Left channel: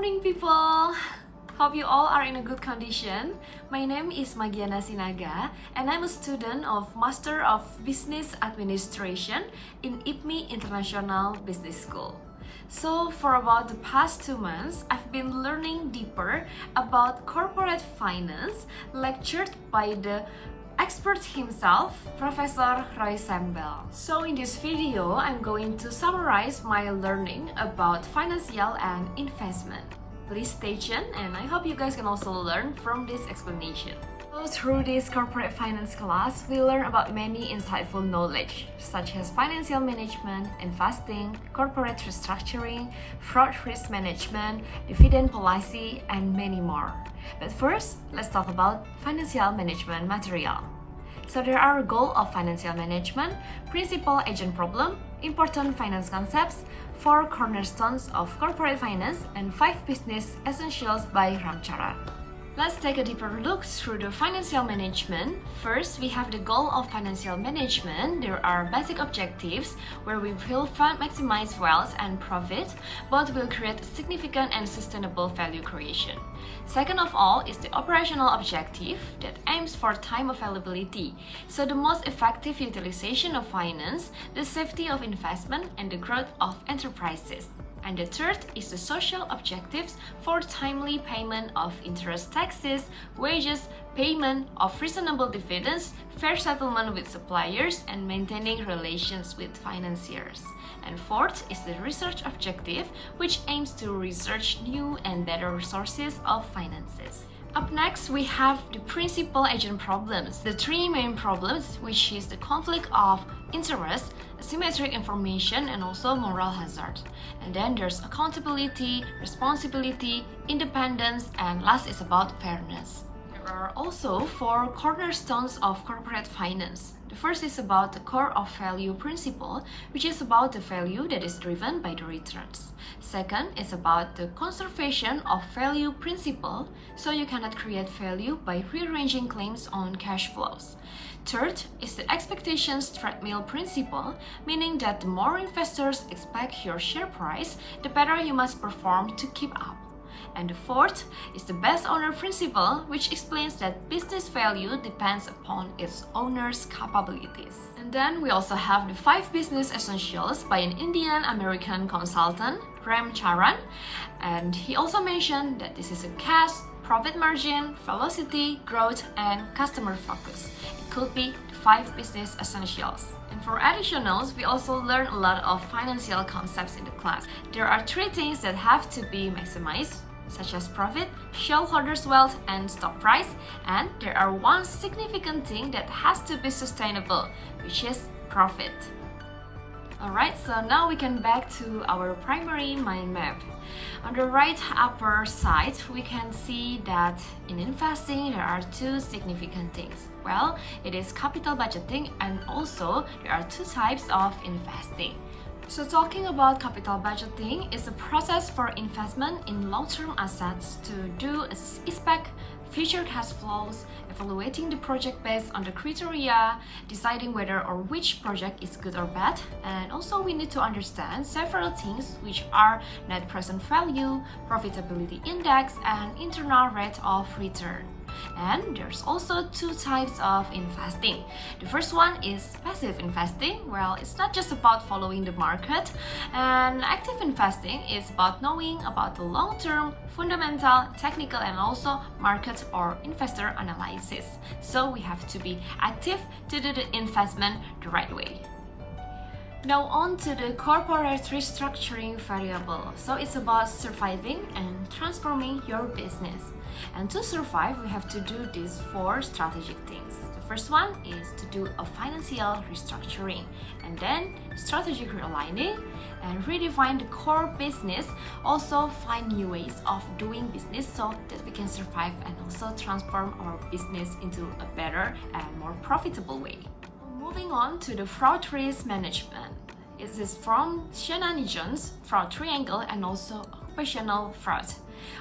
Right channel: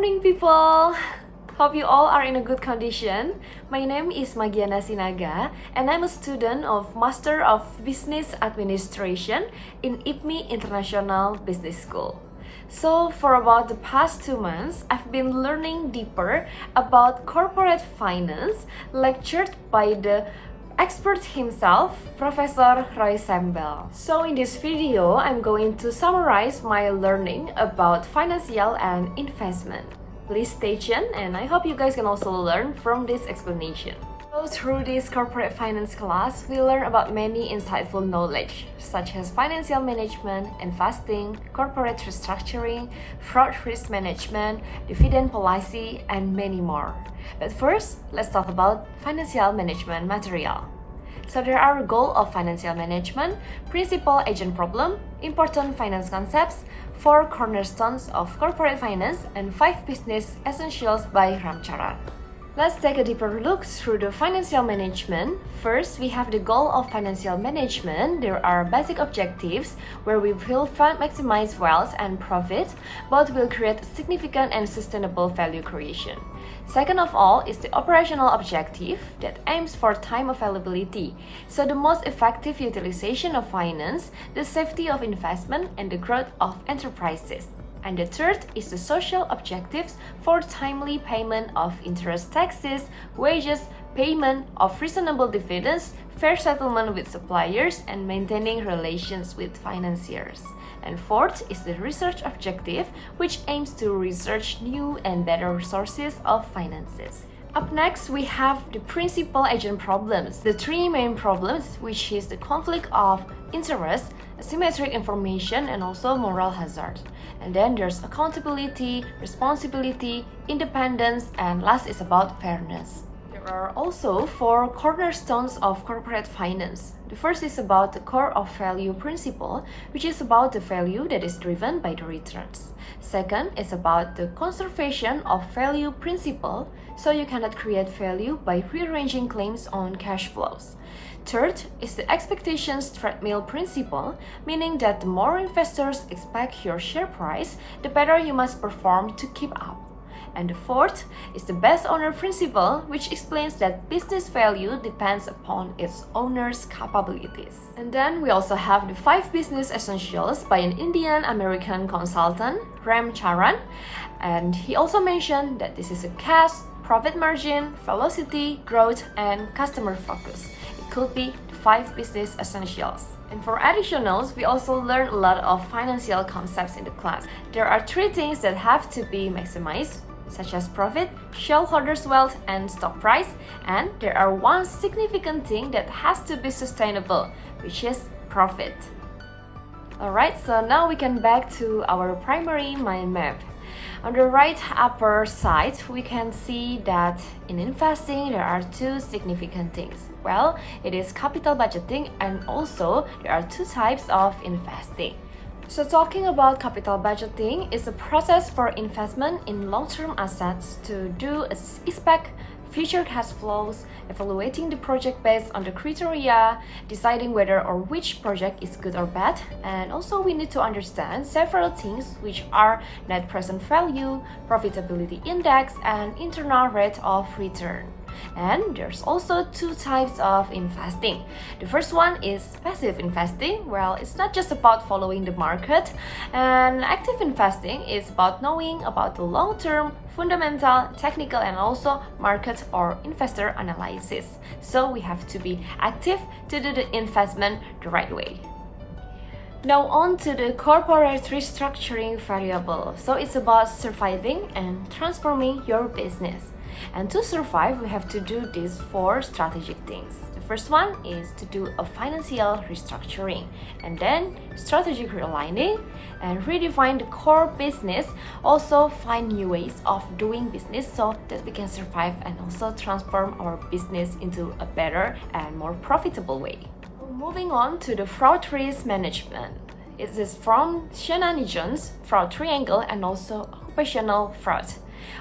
morning, people! Hope you all are in a good condition. My name is Magiana Sinaga, and I'm a student of Master of Business Administration in IPMI International Business School. So for about the past 2 months, I've been learning deeper about corporate finance, lectured by the expert himself, Professor Sembel. So in this video, I'm going to summarize my learning about financial and investment. Please stay tuned, and I hope you guys can also learn from this explanation. So through this corporate finance class, we learn about many insightful knowledge, such as financial management, investing, corporate restructuring, fraud risk management, dividend policy, and many more. But first, let's talk about financial management material. So there are goals of financial management, principal agent problem, important finance concepts, 4 cornerstones of corporate finance, and 5 business essentials by Ramcharan. Let's take a deeper look through the financial management. First, we have the goal of financial management. There are basic objectives where we will maximize wealth and profit, but will create significant and sustainable value creation. Second of all is the operational objective that aims for time availability, so the most effective utilization of finance, the safety of investment, and the growth of enterprises. And the third is the social objectives for timely payment of interest, taxes, wages, payment of reasonable dividends, fair settlement with suppliers, and maintaining relations with financiers. And fourth is the research objective, which aims to research new and better sources of finances. Up next, we have the principal agent problems, the 3 main problems, which is the conflict of interest, asymmetric information, and also moral hazard. And then there's accountability, responsibility, independence, and last is about fairness. There are also 4 cornerstones of corporate finance. The first is about the core of value principle, which is about the value that is driven by the returns. Second is about the conservation of value principle, so you cannot create value by rearranging claims on cash flows. Third is the expectations treadmill principle, meaning that the more investors expect your share price, the better you must perform to keep up. And the fourth is the best owner principle, which explains that business value depends upon its owner's capabilities. And then we also have the 5 business essentials by an Indian-American consultant, Ramcharan, and he also mentioned that this is a cash, profit margin, velocity, growth, and customer focus. It could be the 5 business essentials. And for additionals, we also learn a lot of financial concepts in the class. There are 3 things that have to be maximized, such as profit, shareholders' wealth, and stock price. And there are 1 significant thing that has to be sustainable, which is profit. Alright, so now we can back to our primary mind map. On the right upper side, we can see that in investing, there are 2 significant things. Well, it is capital budgeting, and also there are 2 types of investing. So talking about capital budgeting is a process for investment in long-term assets to do a expect future cash flows, evaluating the project based on the criteria, deciding whether or which project is good or bad, and also we need to understand several things, which are net present value, profitability index, and internal rate of return. And there's also 2 types of investing. The first one is passive investing. Well, it's not just about following the market, and active investing is about knowing about the long-term, fundamental, technical, and also market or investor analysis. So we have to be active to do the investment the right way. Now on to the corporate restructuring variable. So it's about surviving and transforming your business. And to survive, we have to do these 4 strategic things. The first one is to do a financial restructuring, and then strategic realigning, and redefine the core business. Also find new ways of doing business so that we can survive and also transform our business into a better and more profitable way. Moving on to the fraud risk management. It is from Shannon Jones, fraud triangle, and also occupational fraud.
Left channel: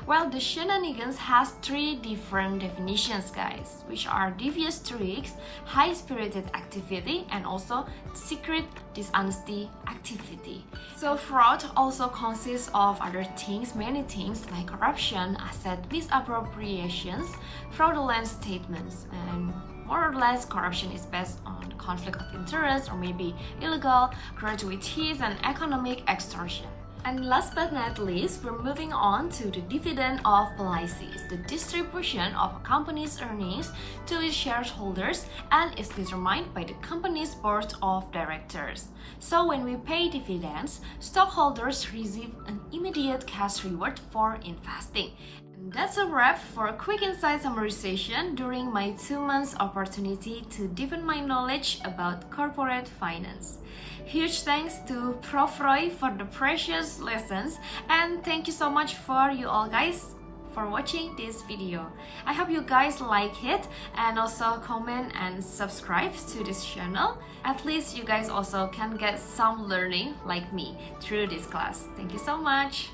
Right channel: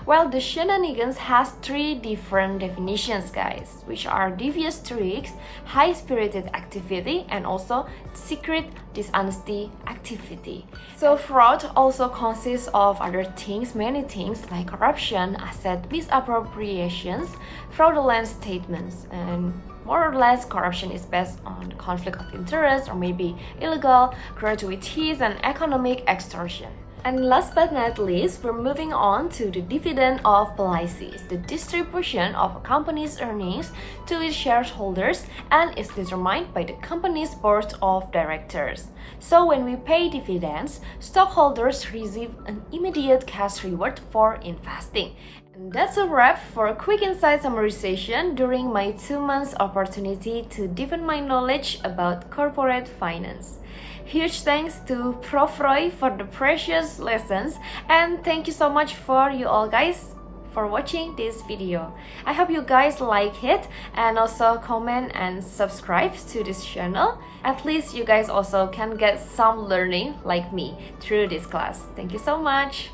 Well, the shenanigans has three different definitions, guys, which are devious tricks, high-spirited activity, and also secret dishonesty activity. So fraud also consists of other things, many things like corruption, asset misappropriations, fraudulent statements, and more or less corruption is based on conflict of interest or maybe illegal gratuities and economic extortion. And last but not least, we're moving on to the dividend of policies, the distribution of a company's earnings to its shareholders and is determined by the company's board of directors. So when we pay dividends, stockholders receive an immediate cash reward for investing. And that's a wrap for a quick insight summarization during my 2 months opportunity to deepen my knowledge about corporate finance. Huge thanks to Prof Roy for the precious lessons, and thank you so much for you all guys for watching this video. I hope you guys like it and also comment and subscribe to this channel. At least you guys also can get some learning like me through this class. Thank you so much.